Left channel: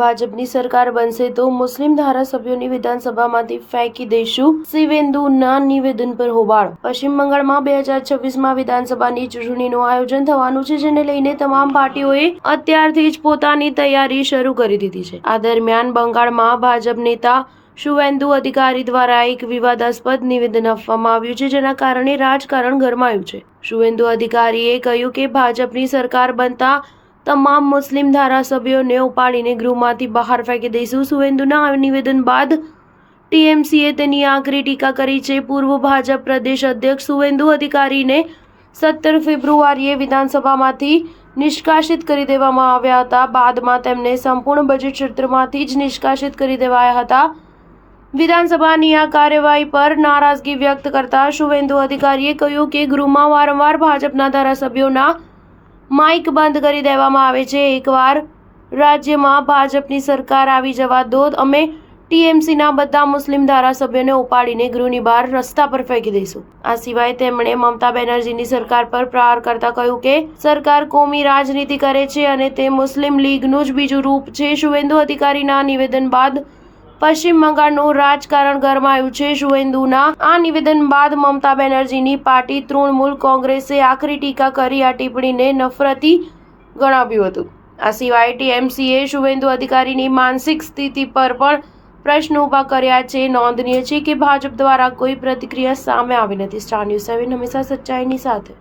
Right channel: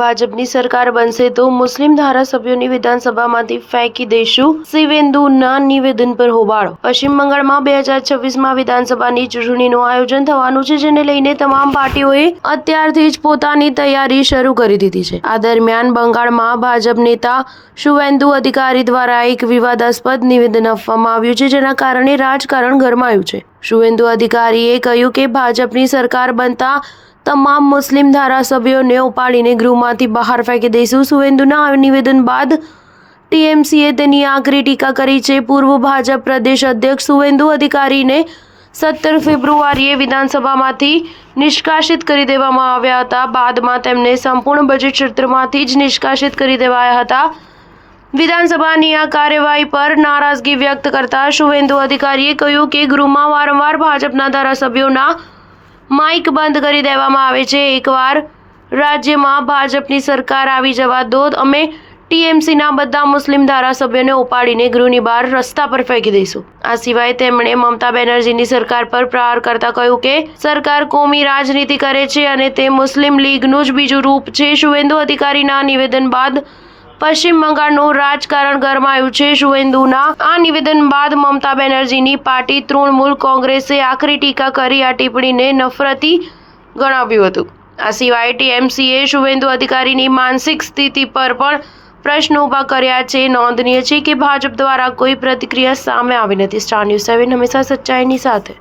ભાજપની સરકાર બનશે તો મુસ્લિમ ધારાસભ્યોની વિધાનસભામાંથી ફેંકી દઈશું, શિવેન્દુના નિવેદન પર હોબાળો। પશ્ચિમ બંગાળમાં 2026માં વિધાનસભાની ચૂંટણીનું આયોજન થવાનું છે, જેને લઈને તમામ પાર્ટીઓએ અત્યારથી જ પોતાની તૈયારી શરૂ કરી દીધી છે। આ દરમિયાન બંગાળમાં ભાજપ નેતા શુવેન્દુ અધિકારી દ્વારા એક વિવાદાસ્પદ નિવેદન આપવામાં આવ્યું છે, જેના કારણે રાજકારણ ગરમાયું છે। શુવેન્દુ અધિકારીએ કહ્યું કે ભાજપની સરકાર બનતા તમામ મુસ્લિમ ધારાસભ્યોને ઉપાડીને ગૃહમાંથી બહાર ફેંકી દઈશું। શુવેન્દુના નિવેદન બાદ ટીએમસીએ તેની આકરી ટીકા કરી છે। પૂર્વ ભાજપ પ્રદેશ અધ્યક્ષ શુવેન્દુ અધિકારીને 17 ફેબ્રુઆરીએ વિધાનસભામાંથી નિષ્કાસિત કરી દેવામાં આવ્યા હતા। બાદમાં તેમને સંપૂર્ણ બજેટ સત્રમાંથી જ નિષ્કાસિત કરી દેવાયા હતા। વિધાનસભાની આ કાર્યવાહી પર નારાજગી વ્યક્ત કરતા શુવેન્દુ અધિકારીએ કહ્યું કે ગૃહમાં વારંવાર ભાજપના ધારાસભ્યોના માઇક બંધ કરી દેવામાં આવે છે। એકવાર રાજ્યમાં ભાજપની સરકાર આવી જવા દો, અમે ટીએમસીના બધા મુસ્લિમ ધારાસભ્યોને ઉપાડીને ગૃહની બહાર રસ્તા પર ફેંકી દઈશું। આ સિવાય તેમણે મમતા બેનર્જીની સરકાર પર પ્રહાર કરતા કહ્યું કે સરકાર કોમી રાજનીતિ કરે છે અને તે મુસ્લિમ લીગનું જ બીજું રૂપ છે। શુવેન્દુ અધિકારીના નિવેદન બાદ પશ્ચિમ બંગાળનું રાજકારણ ગરમાયું છે। શુવેન્દુના આ નિવેદન બાદ મમતા બેનર્જીની પાર્ટી તૃણમૂલ કોંગ્રેસે આકરી ટીકા કરી આ ટિપ્પણીને નફરતી ગણાવ્યું હતું। આ સિવાય ટીએમસીએ શુવેન્દુ અધિકારીની માનસિક સ્થિતિ પર પણ પ્રશ્નો ઊભા કર્યા છે। નોંધનીય છે કે ભાજપ દ્વારા કોઈ પ્રતિક્રિયા સામે આવી નથી। સ્ટાર ન્યૂઝ 7 હંમેશા સચ્ચાઈની સાથે।